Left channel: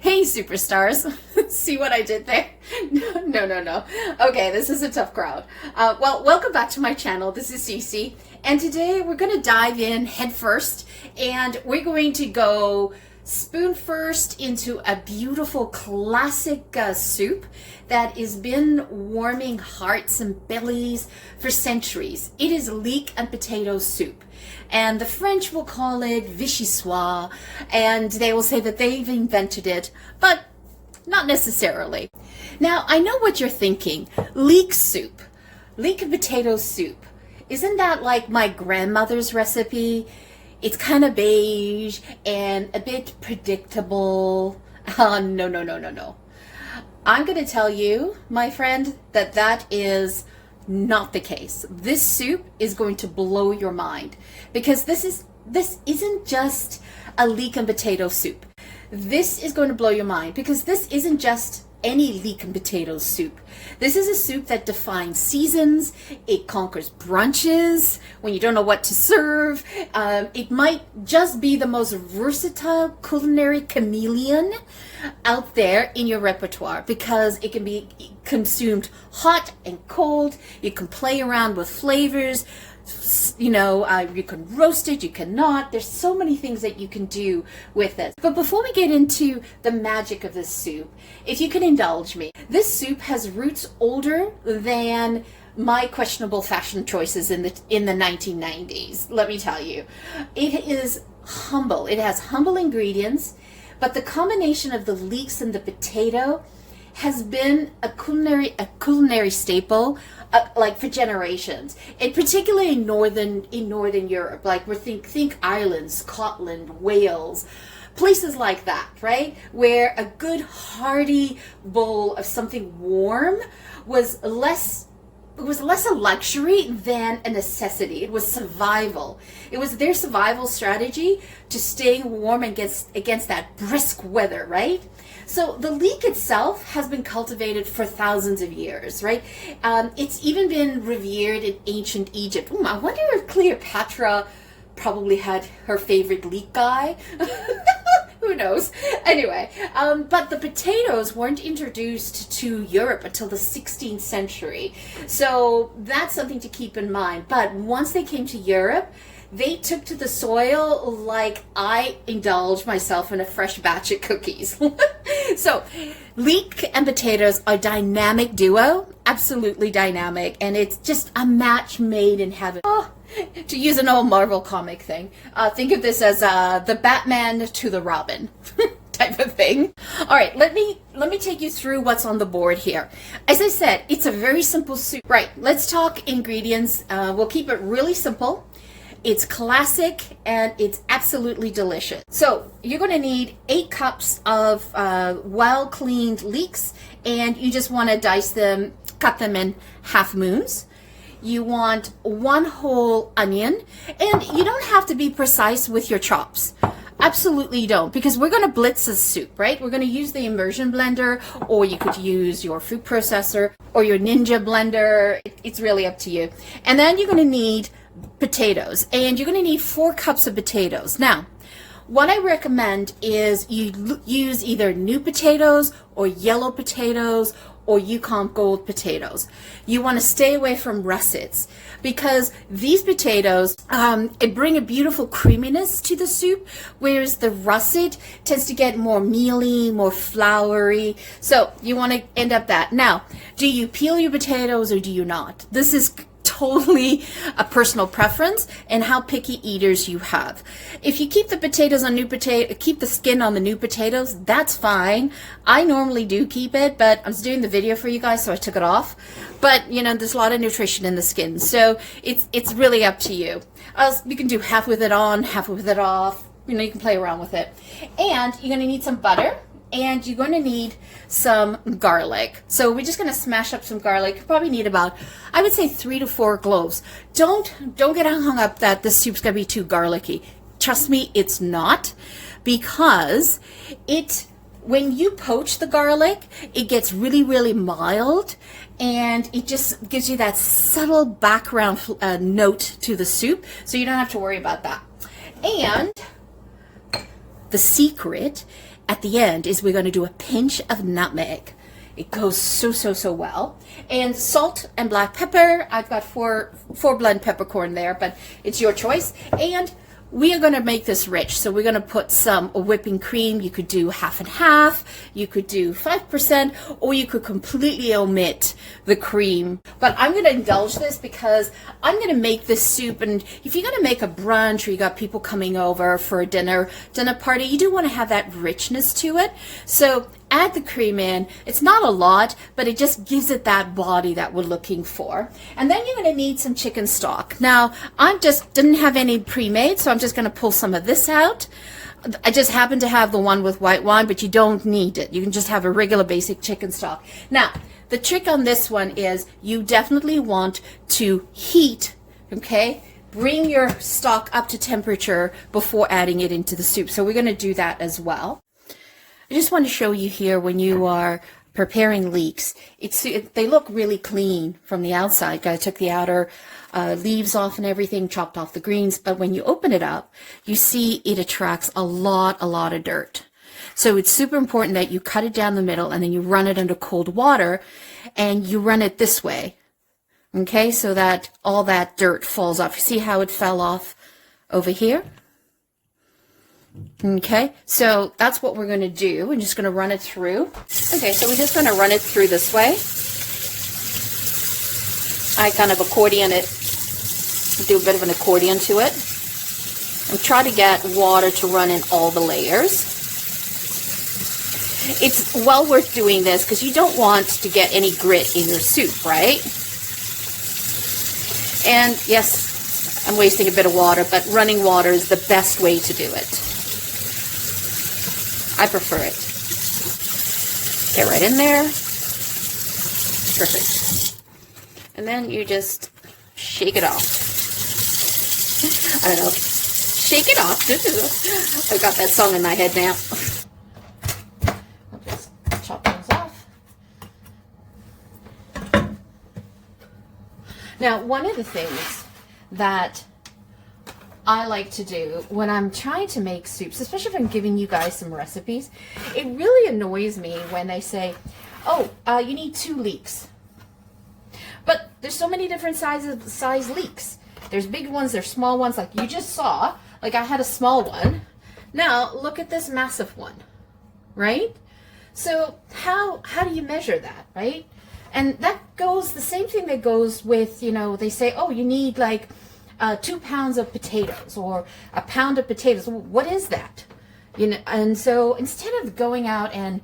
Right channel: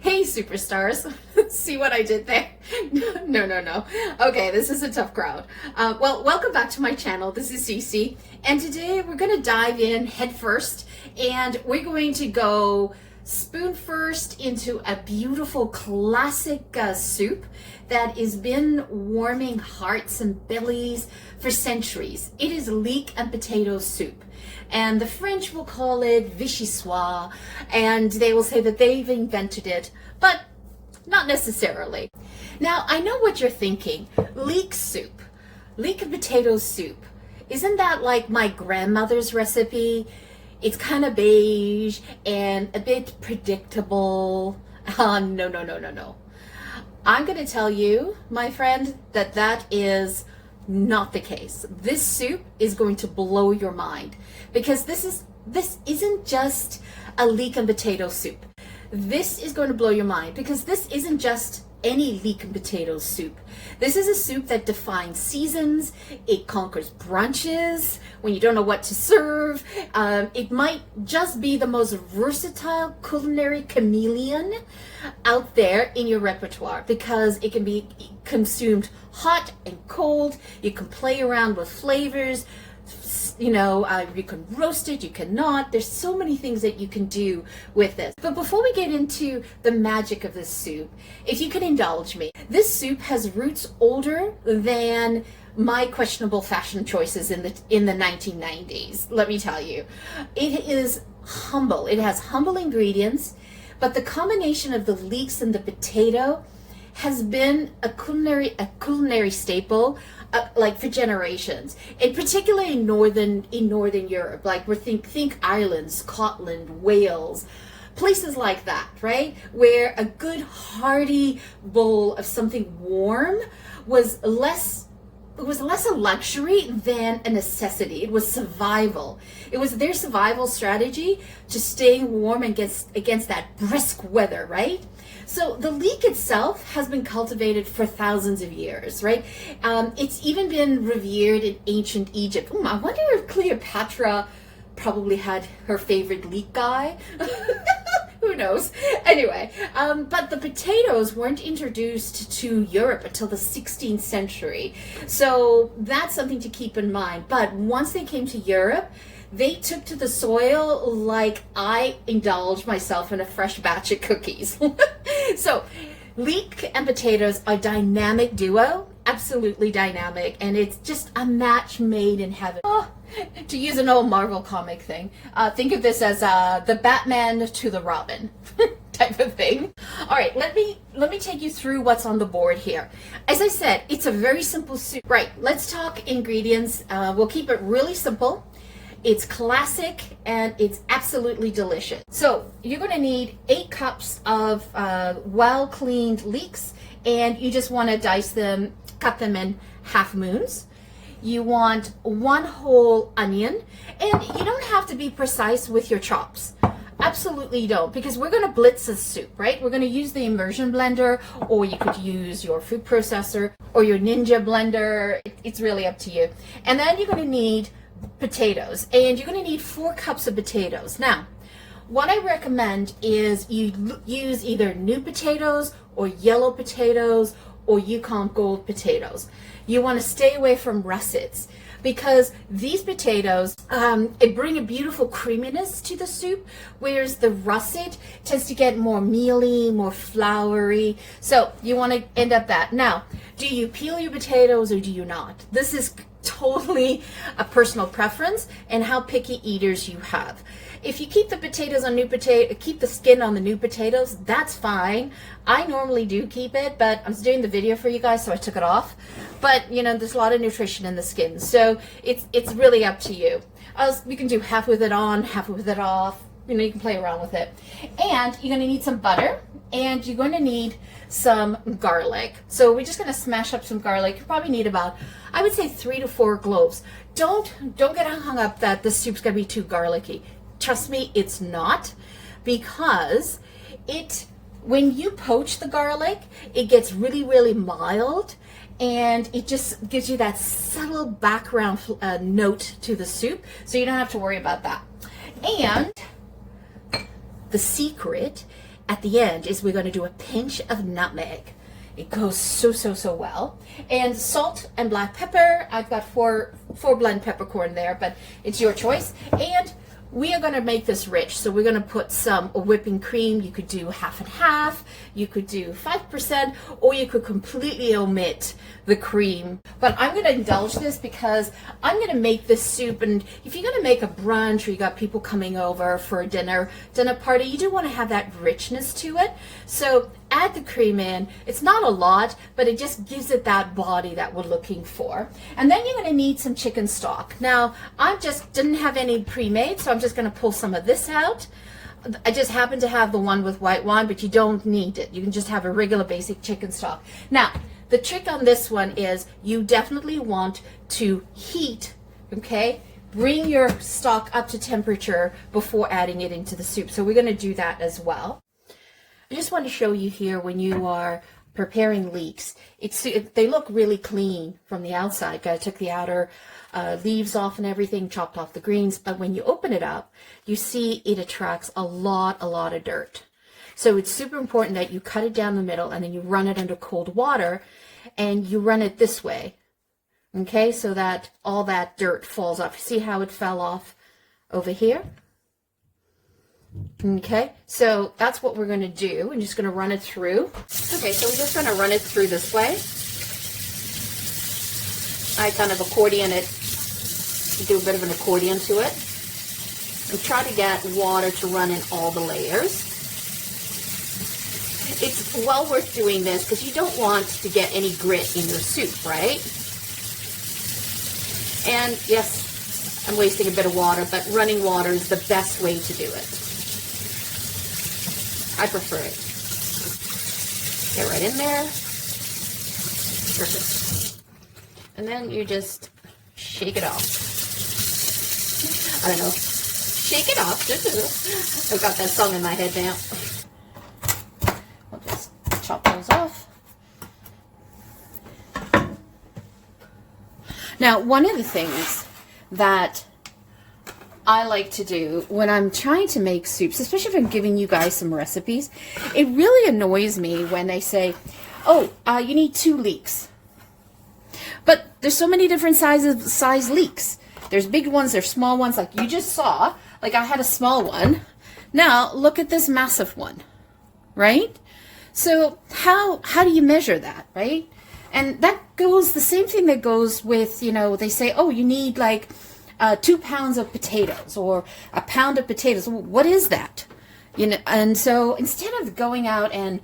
Hey, superstars. See what I did there? No. Okay, this is a tough crowd. Well, welcome back to my channel. This is Cece, and today we're going to dive in head first, and we're going to go spoon first into a beautiful classic soup that has been warming hearts and bellies for centuries. It is Leek and Potato Soup. And the French will call it Vichyssoise, and they will say that they've invented it, but not necessarily. Now, I know what you're thinking. Leek soup, Leek and Potato Soup. Isn't that like my grandmother's recipe? It's kind of beige and a bit predictable. No. I'm going to tell you, my friend, that is not the case. This soup is going to blow your mind because this isn't just a leek and potato soup. This is going to blow your mind because this isn't just any leek and potato soup. This is a soup that defines seasons. It conquers brunches when you don't know what to serve. It might just be the most versatile culinary chameleon out there in your repertoire because it can be consumed hot and cold. You can play around with flavors. You can roast it, you cannot. There's so many things that you can do with this. But before we get into the magic of this soup, if you can indulge me, this soup has roots older than my questionable fashion choices in the 1990s. Let me tell you, it is humble. It has humble ingredients, but the combination of the leeks and the potato has been a culinary staple like for generations, and particularly in northern Europe. Like think Ireland, Scotland, Wales, places like that, right? Where a good hearty bowl of something warm was less a luxury than a necessity. It was survival. It was their survival strategy to staying warm against that brisk weather, right? So the leek itself has been cultivated for thousands of years, right? It's even been revered in ancient Egypt. I wonder if Cleopatra probably had her favorite leek guy. Who knows? Anyway, but the potatoes weren't introduced to Europe until the 16th century. So that's something to keep in mind. But once they came to Europe, they took to the soil like I indulged myself in a fresh batch of cookies. So leek and potatoes are a dynamic duo, absolutely dynamic, and it's just a match made in heaven. Oh, to use an old Marvel comic thing, think of this as the Batman to the Robin type of thing. All right, let me take you through what's on the board here. As I said, it's a very simple soup. Right, let's talk ingredients. We'll keep it really simple. It's classic and it's absolutely delicious. So you're going to need 8 cups of well-cleaned leeks, and you just want to dice them, cut them in half moons. You want 1 whole onion, and you don't have to be precise with your chops. Absolutely don't, because we're going to blitz this soup, right? We're going to use the immersion blender, or you could use your food processor or your Ninja blender. It's really up to you. And then you're going to need potatoes, and you're going to need 4 cups of potatoes. Now, what I recommend is you use either new potatoes or yellow potatoes or Yukon Gold potatoes. You want to stay away from russets because these potatoes it bring a beautiful creaminess to the soup, whereas the russet tends to get more mealy, more floury. So you want to end up that. Now, do you peel your potatoes or do you not? This is totally a personal preference and how picky eaters you have. If you keep the potatoes on keep the skin on the new potatoes, that's fine. I normally do keep it, but I was doing the video for you guys, so I took it off. But there's a lot of nutrition in the skin, so it's really up to you. You can do half with it on, half with it off. You can play around with it. And you're going to need some butter. And you're going to need some garlic. So we're just going to smash up some garlic. You probably need about, I would say, 3 to 4 cloves. Don't get hung up that this soup's going to be too garlicky. Trust me, it's not, because when you poach the garlic, it gets really, really mild, and it just gives you that subtle background note to the soup, so you don't have to worry about that. And the secret at the end is we're going to do a pinch of nutmeg. It goes so well. And salt and black pepper. I've got four blend peppercorn there, but it's your choice. And we are going to make this rich, so we're going to put some whipping cream. You could do half and half, you could do 5%, or you could completely omit the cream. But I'm going to indulge this because I'm going to make this soup, and if you're going to make a brunch or you got people coming over for a dinner party, you do want to have that richness to it. So add the cream in. It's not a lot, but it just gives it that body that we're looking for. And then you're going to need some chicken stock. Now, I just didn't have any pre-made, so I'm just going to pull some of this out. I just happen to have the one with white wine, but you don't need it. You can just have a regular basic chicken stock. Now, the trick on this one is you definitely want to heat, okay? Bring your stock up to temperature before adding it into the soup. So we're going to do that as well. I just want to show you here when you are preparing leeks, they look really clean from the outside. I took the outer leaves off and everything, chopped off the greens, but when you open it up, you see it attracts a lot of dirt. So it's super important that you cut it down the middle and then you run it under cold water and you run it this way, okay, so that all that dirt falls off. You see how it fell off over here? Okay, so that's what we're going to do. We're just going to run it through. Okay, so we're just going to run it through this way. I kind of accordion it, do a bit of an accordion to it, and try to get water to run in all the layers. It's well worth doing this because you don't want to get any grit in your soup, right? And yes, I'm wasting a bit of water, but running water is the best way to do it. I prefer it. Get right in there. Perfect. And then you just shake it off. I don't know. Shake it off. I've got that song in my head now. I'll just chop those off. Now, one of the things that I like to do when I'm trying to make soups, especially if I'm giving you guys some recipes, it really annoys me when they say, oh, you need 2 leeks. But there's so many different size leeks. There's big ones, there's small ones, like you just saw. Like I had a small one. Now look at this massive one, right? So how do you measure that, right? And that goes, the same thing that goes with, you know, they say, oh, you need like 2 pounds of potatoes or a pound of potatoes. What is that? You know, and so instead of going out and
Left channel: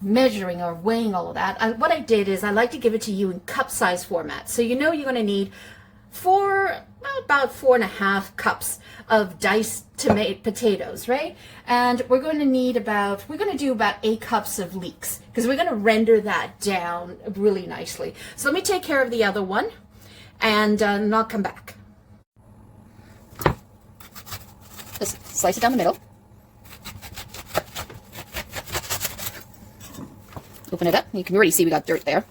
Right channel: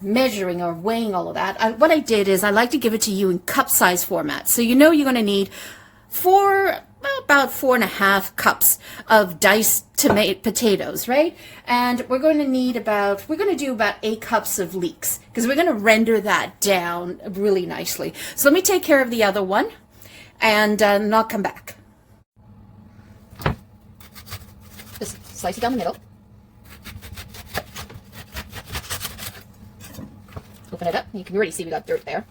measuring or weighing all of that, what I did is I like to give it to you in cup size format. So you know you're going to need about 4.5 cups of diced potatoes, right? And we're going to do about 8 cups of leeks because we're going to render that down really nicely. So let me take care of the other one and I'll come back. Just slice it down the middle. Open it up. You can already see we got dirt there.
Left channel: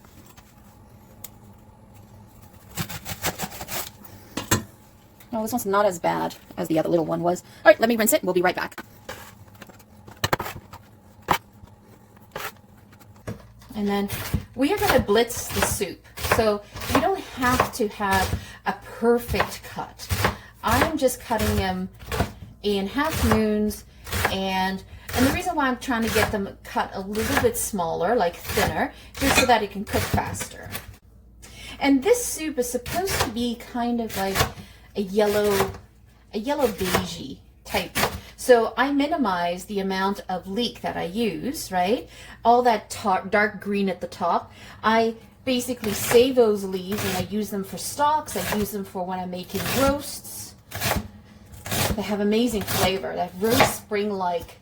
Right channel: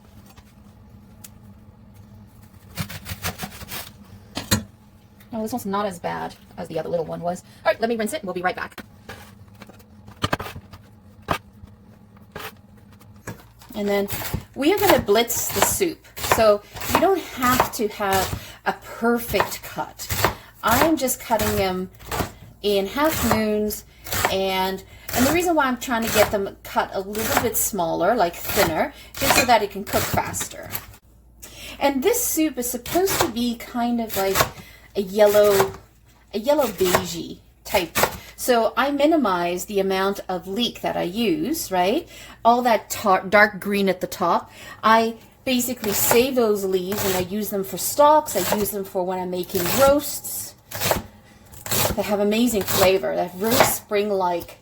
No, this one's not as bad as the other little one was. All right, let me rinse it and we'll be right back. And then we are going to blitz the soup. So you don't have to have a perfect cut. I'm just cutting them in half moons, and the reason why I'm trying to get them cut a little bit smaller, like thinner, just so that it can cook faster. And this soup is supposed to be kind of like a yellow beigey type. So I minimize the amount of leek that I use, right? All that dark green at the top. I basically save those leaves and I use them for stocks. I use them for when I'm making roasts. They have amazing flavor. That really spring-like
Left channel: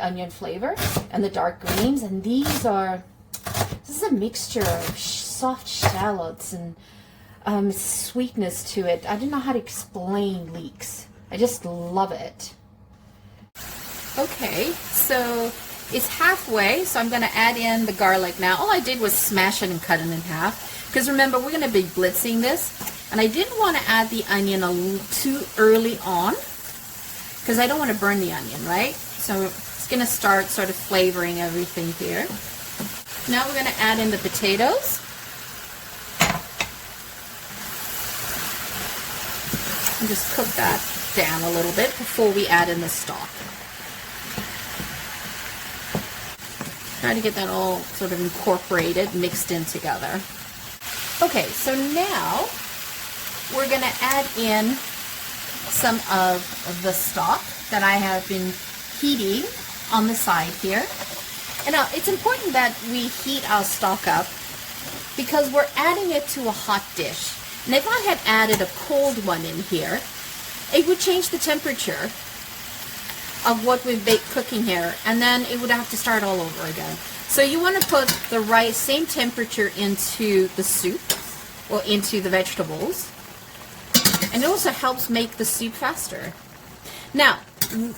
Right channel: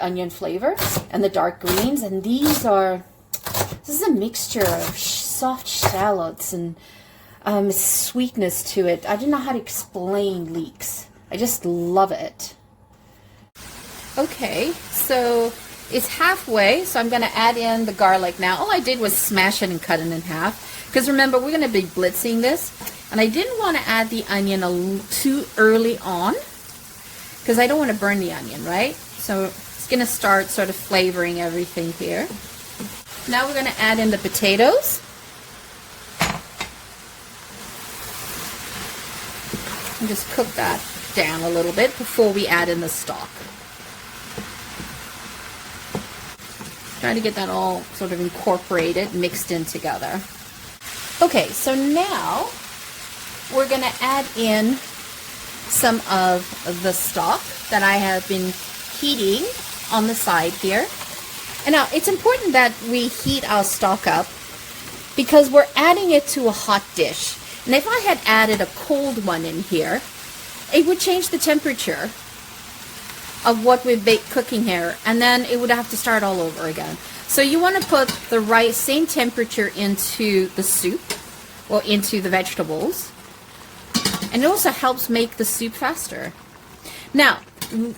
onion flavor, and the dark greens. And this is a mixture of soft shallots and sweetness to it. I don't know how to explain leeks. I just love it. Okay, so it's halfway, so I'm going to add in the garlic now. All I did was smash it and cut it in half, because remember, we're going to be blitzing this, and I didn't want to add the onion too early on, because I don't want to burn the onion, right? So it's gonna start sort of flavoring everything here. Now we're gonna add in the potatoes. And just cook that down a little bit before we add in the stock. Try to get that all sort of incorporated, mixed in together. Okay, so now we're going to add in some of the stock that I have been heating on the side here. And now it's important that we heat our stock up because we're adding it to a hot dish. And if I had added a cold one in here, it would change the temperature of what we've baked cooking here, and then it would have to start all over again. So you want to put the same temperature into the soup or into the vegetables, and it also helps make the soup faster. Now,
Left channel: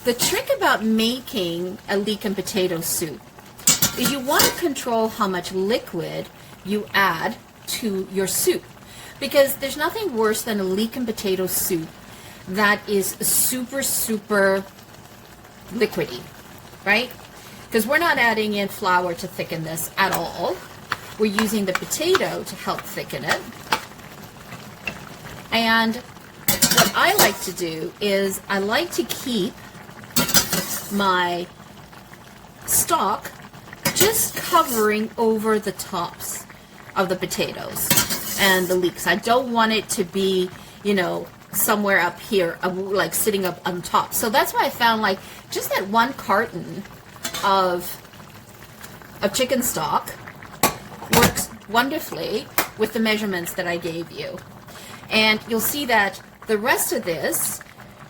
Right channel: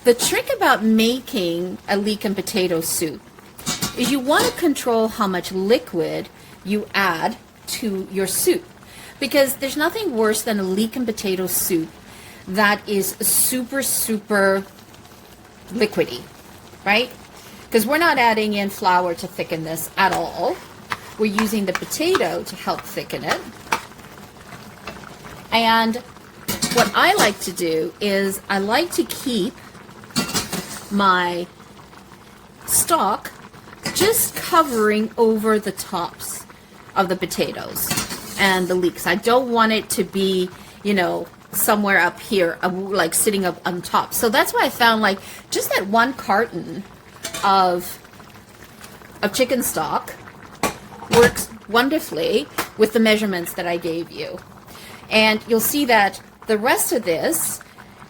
the trick about making a leek and potato soup is you want to control how much liquid you add to your soup, because there's nothing worse than a leek and potato soup that is super liquidy, right? Because we're not adding in flour to thicken this at all. We're using the potato to help thicken it. And what I like to do is I like to keep my stock just covering over the tops of the potatoes and the leeks. I don't want it to be, you know, somewhere up here, like sitting up on top. So that's why I found like just that one carton of chicken stock works wonderfully with the measurements that I gave you. And you'll see that the rest of this,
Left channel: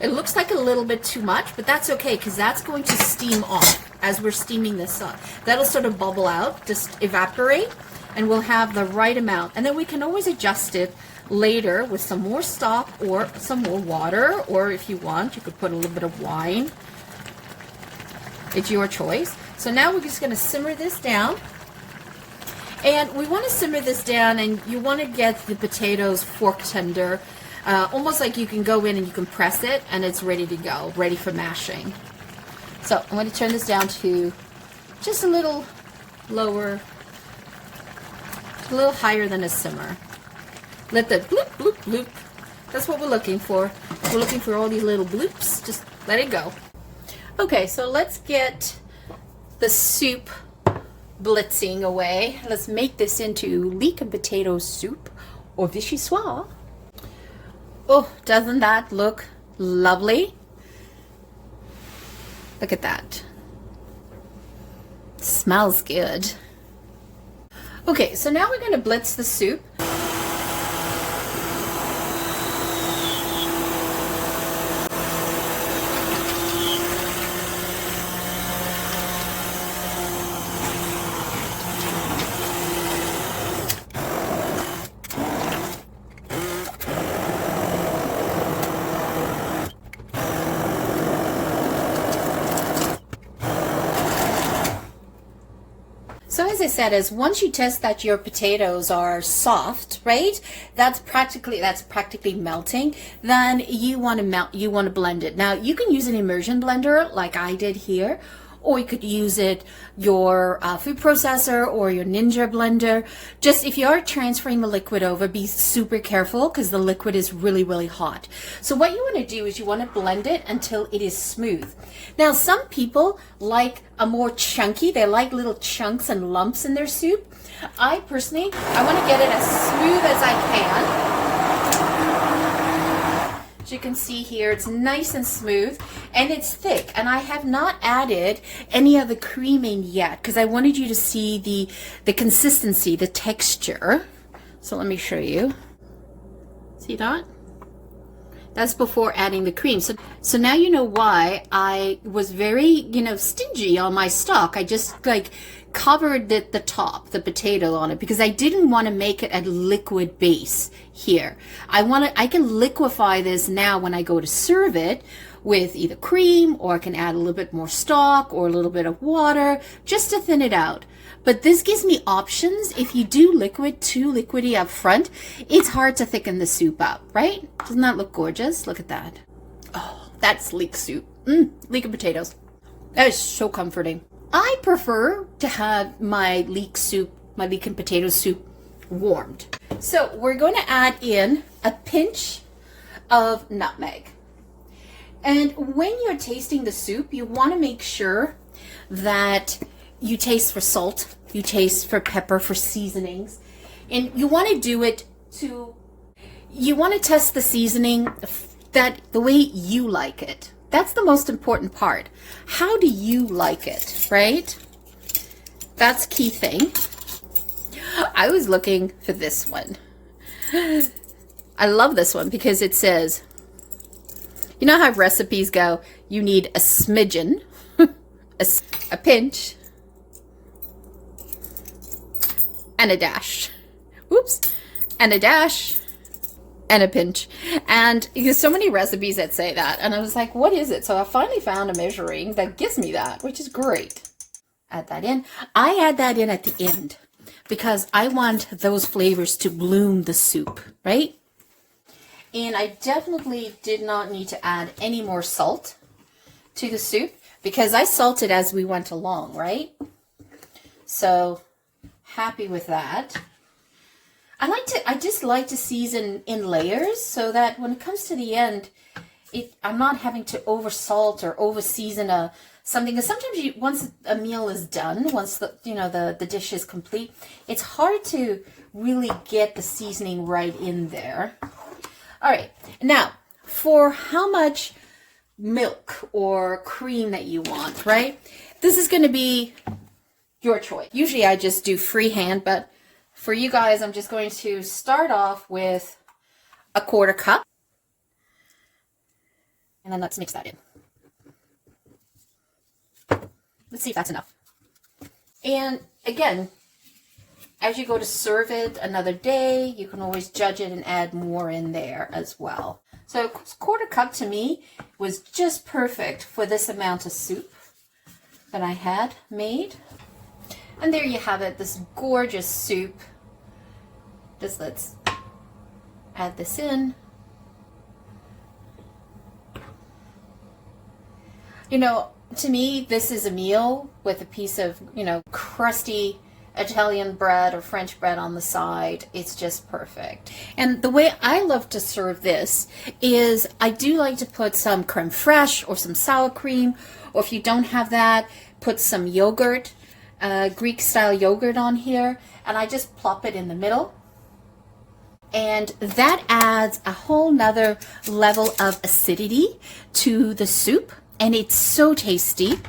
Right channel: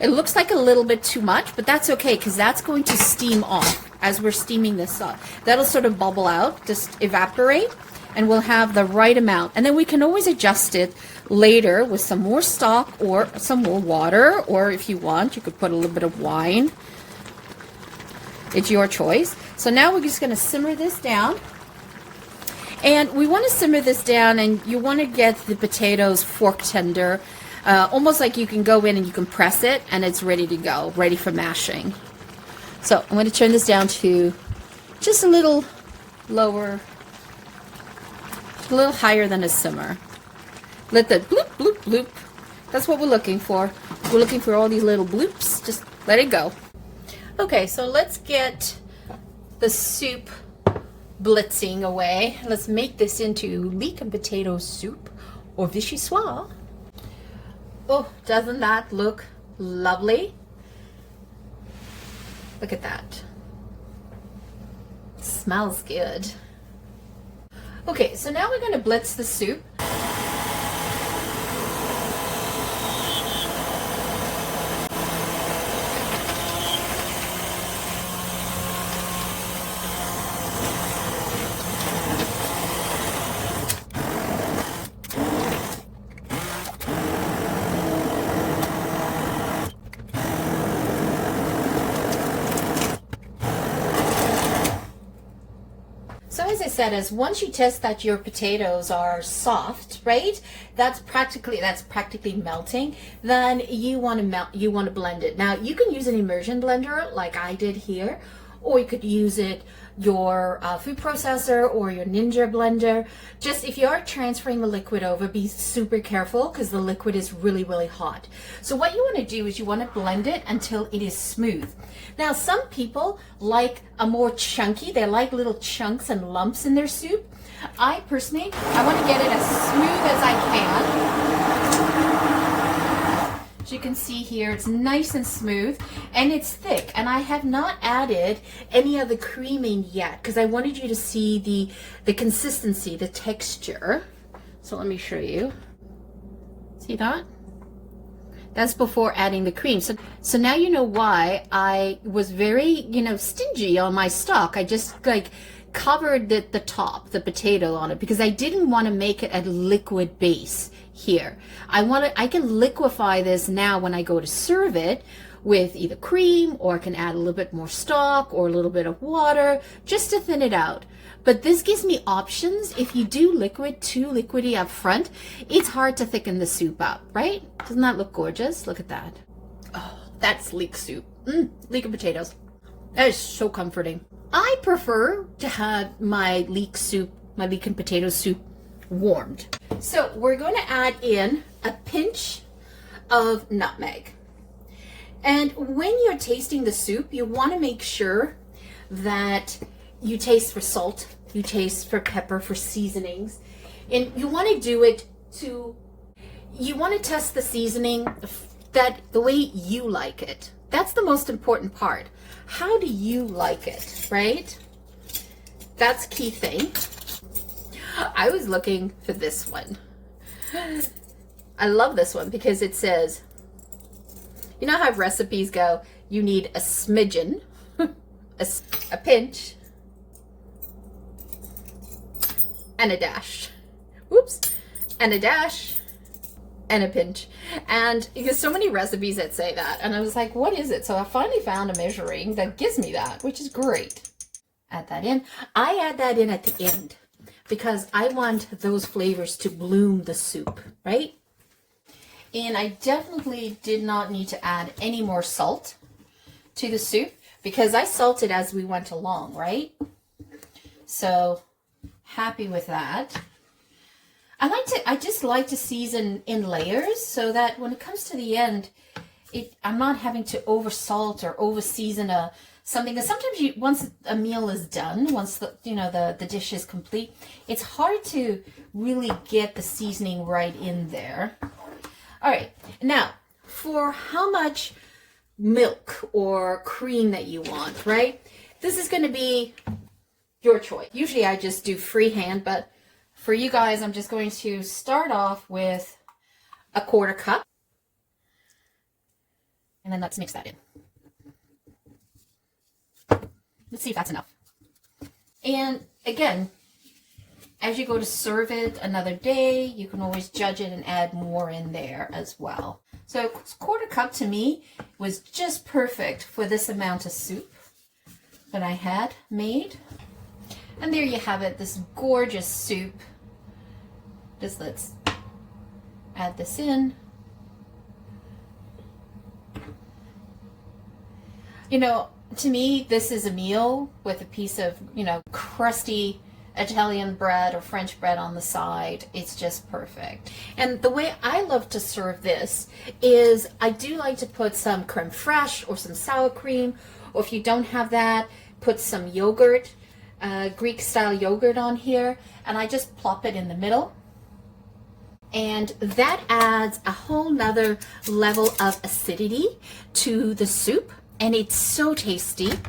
it looks like a little bit too much, but that's okay because that's going to steam off as we're steaming this up. That'll sort of bubble out, just evaporate, and we'll have the right amount. And then we can always adjust it later with some more stock or some more water, or if you want, you could put a little bit of wine. It's your choice. So now we're just going to simmer this down. And we want to simmer this down, and you want to get the potatoes fork tender, almost like you can go in and you can press it, and it's ready to go, ready for mashing. So I'm going to turn this down to just a little lower, a little higher than a simmer. Let the bloop, bloop, bloop. That's what we're looking for. We're looking for all these little bloops. Just let it go. Okay, so let's get the soup blitzing away. Let's make this into leek and potato soup or vichyssoise. Oh, doesn't that look lovely? Look at that. Smells good. Okay, so now we're going to blitz the soup. So as I said, is once you test that your potatoes are soft, right? That's practically melting. Then you want to blend it. Now you can use an immersion blender like I did here, or you could use your food processor or your Ninja blender. Just if you are transferring the liquid over, be super careful because the liquid is really hot. So what you want to do is you want to blend it until it is smooth. Now some people like a more chunky, they like little chunks and lumps in their soup. I personally, I want to get it as smooth as I can. As you can see here, it's nice and smooth and it's thick, and I have not added any of the creaming yet because I wanted you to see the consistency, the texture. So let me show you. See that? That's before adding the cream. So now you know why I was very, stingy on my stock. I just like covered the top, the potato on it, because I didn't want to make it a liquid base here. I can liquefy this now when I go to serve it with either cream, or I can add a little bit more stock or a little bit of water just to thin it out. But this gives me options. If you do too liquidy up front, it's hard to thicken the soup up, right? Doesn't that look gorgeous? Look at that. Oh, that's leek soup. Leek and potatoes. That is so comforting. I prefer to have my leek soup, my leek and potato soup, warmed. So we're going to add in a pinch of nutmeg. And when you're tasting the soup, you want to make sure that you taste for salt, you taste for pepper, for seasonings. And you want to do it you want to test the seasoning that the way you like it. That's the most important part. How do you like it, right? That's key thing. I was looking for this one. I love this one because it says, you know how recipes go, you need a smidgen, a pinch, and a dash. Oops, and a dash, and a pinch. And there's so many recipes that say that. And I was like, what is it? So I finally found a measuring that gives me that, which is great. Add that in. I add that in at the end because I want those flavors to bloom the soup, right? And I definitely did not need to add any more salt to the soup because I salted as we went along, right? So happy with that. I just like to season in layers so that when it comes to the end, I'm not having to over salt or over season something. Because sometimes once a meal is done, once the dish is complete, it's hard to really get the seasoning right in there. All right, now for how much milk or cream that you want, right? This is going to be your choice. Usually I just do freehand, but for you guys, I'm just going to start off with a 1/4 cup. And then let's mix that in. Let's see if that's enough. And again, as you go to serve it another day, you can always judge it and add more in there as well. So 1/4 cup to me was just perfect for this amount of soup that I had made. And there you have it, this gorgeous soup. Just let's add this in. You know, to me, this is a meal with a piece of, crusty Italian bread or French bread on the side. It's just perfect. And the way I love to serve this is I do like to put some creme fraiche or some sour cream, or if you don't have that, put some yogurt, Greek style yogurt on here, and I just plop it in the middle. And that adds a whole nother level of acidity to the soup, and it's so tasty.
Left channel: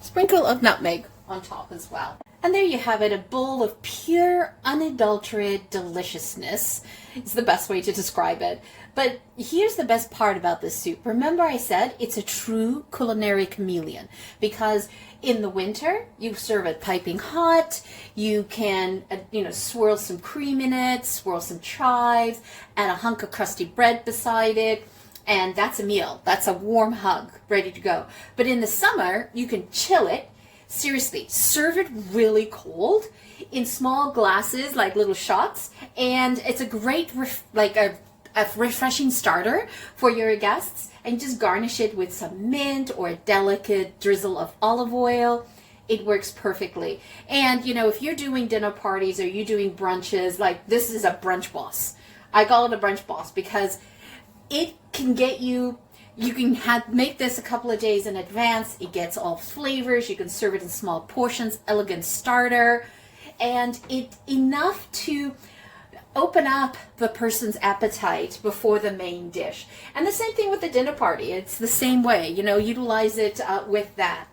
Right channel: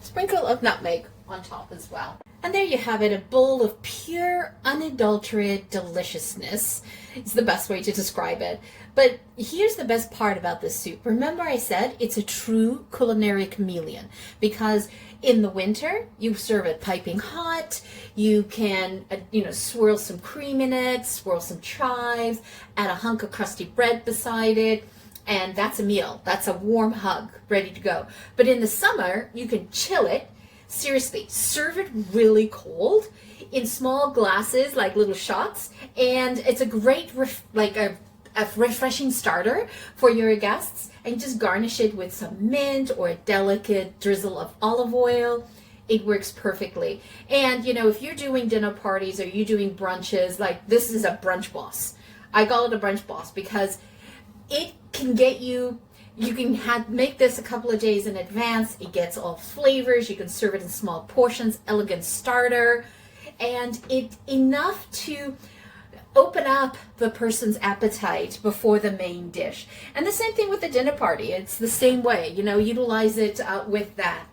Sprinkle of nutmeg on top as well. And there you have it, a bowl of pure, unadulterated deliciousness. It's the best way to describe it. But here's the best part about this soup. Remember I said it's a true culinary chameleon because in the winter, you serve it piping hot. You can, swirl some cream in it, swirl some chives, add a hunk of crusty bread beside it, and that's a meal. That's a warm hug, ready to go. But in the summer, you can chill it. Seriously, serve it really cold in small glasses, like little shots, and it's a great, a refreshing starter for your guests, and just garnish it with some mint or a delicate drizzle of olive oil. It works perfectly. And if you're doing dinner parties or you're doing brunches, like this is a brunch boss. I call it a brunch boss because it can get you can make this a couple of days in advance. It gets all flavors. You can serve it in small portions, elegant starter, and it's enough to open up the person's appetite before the main dish. And the same thing with the dinner party. It's the same way, utilize it with that.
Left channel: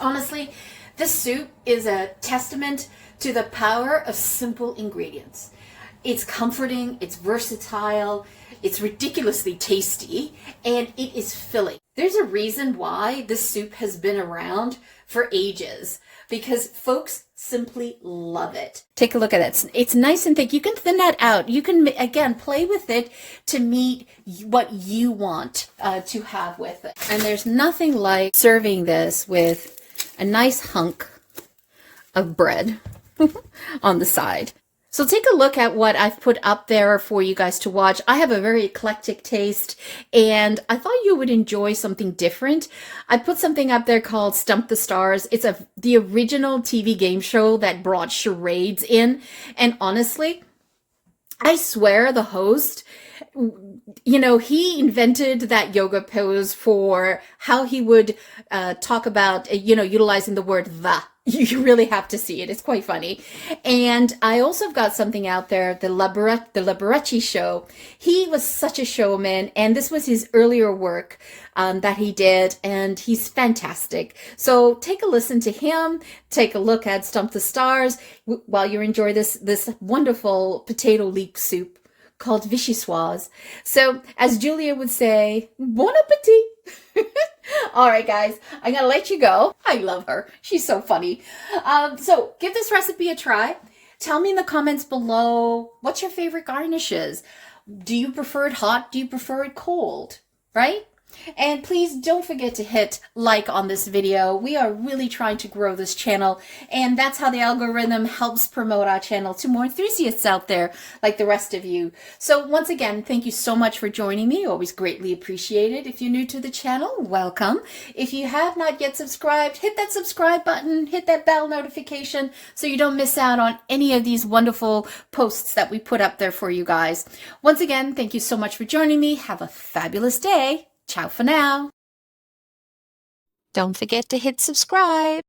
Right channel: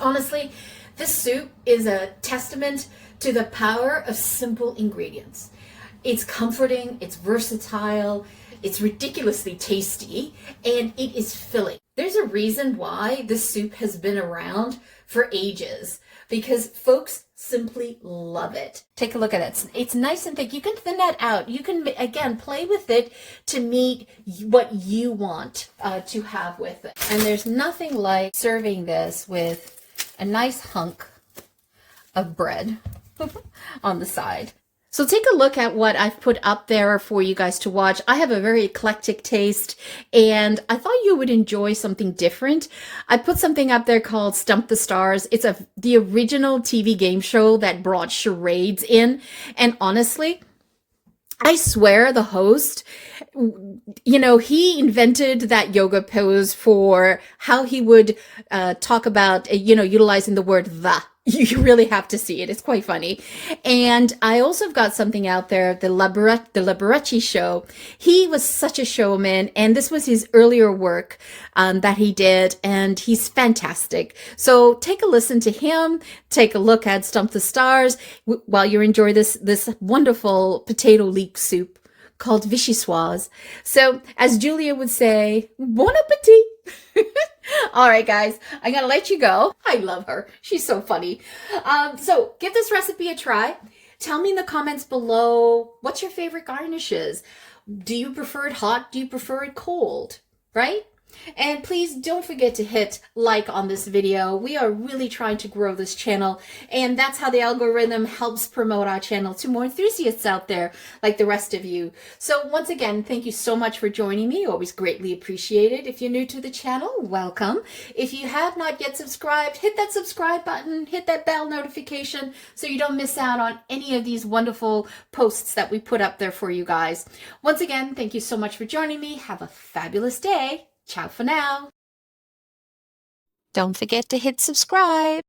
Honestly, this soup is a testament to the power of simple ingredients. It's comforting, it's versatile, it's ridiculously tasty, and it is filling. There's a reason why this soup has been around for ages, because folks simply love it. Take a look at it. It's nice and thick. You can thin that out. You can, again, play with it to meet what you want to have with it. And there's nothing like serving this with a nice hunk of bread on the side. So take a look at what I've put up there for you guys to watch. I have a very eclectic taste, and I thought you would enjoy something different. I put something up there called Stump the Stars. It's the original TV game show that brought charades in. And honestly, I swear the host, you know, he invented that yoga pose for how he would talk about, you know, utilizing the word the. You really have to see it. It's quite funny. And I also have got something out there, the Liberace show. He was such a showman, and this was his earlier work that he did, and he's fantastic. So take a listen to him, take a look at Stump the Stars while you enjoy this wonderful potato leek soup called Vichyssoise. So as Julia would say, bon appetit. All right, guys, I'm going to let you go. I love her. She's so funny. So give this recipe a try. Tell me in the comments below, what's your favorite garnishes? Do you prefer it hot? Do you prefer it cold? Right? And please don't forget to hit like on this video. We are really trying to grow this channel, and that's how the algorithm helps promote our channel to more enthusiasts out there like the rest of you. So once again, thank you so much for joining me. Always greatly appreciated. If you're new to the channel, welcome. If you have not yet subscribed, hit that subscribe button, hit that bell notification so you don't miss out on any of these wonderful posts that we put up there for you guys. Once again, thank you so much for joining me. Have a fabulous day. Ciao for now. Don't forget to hit subscribe.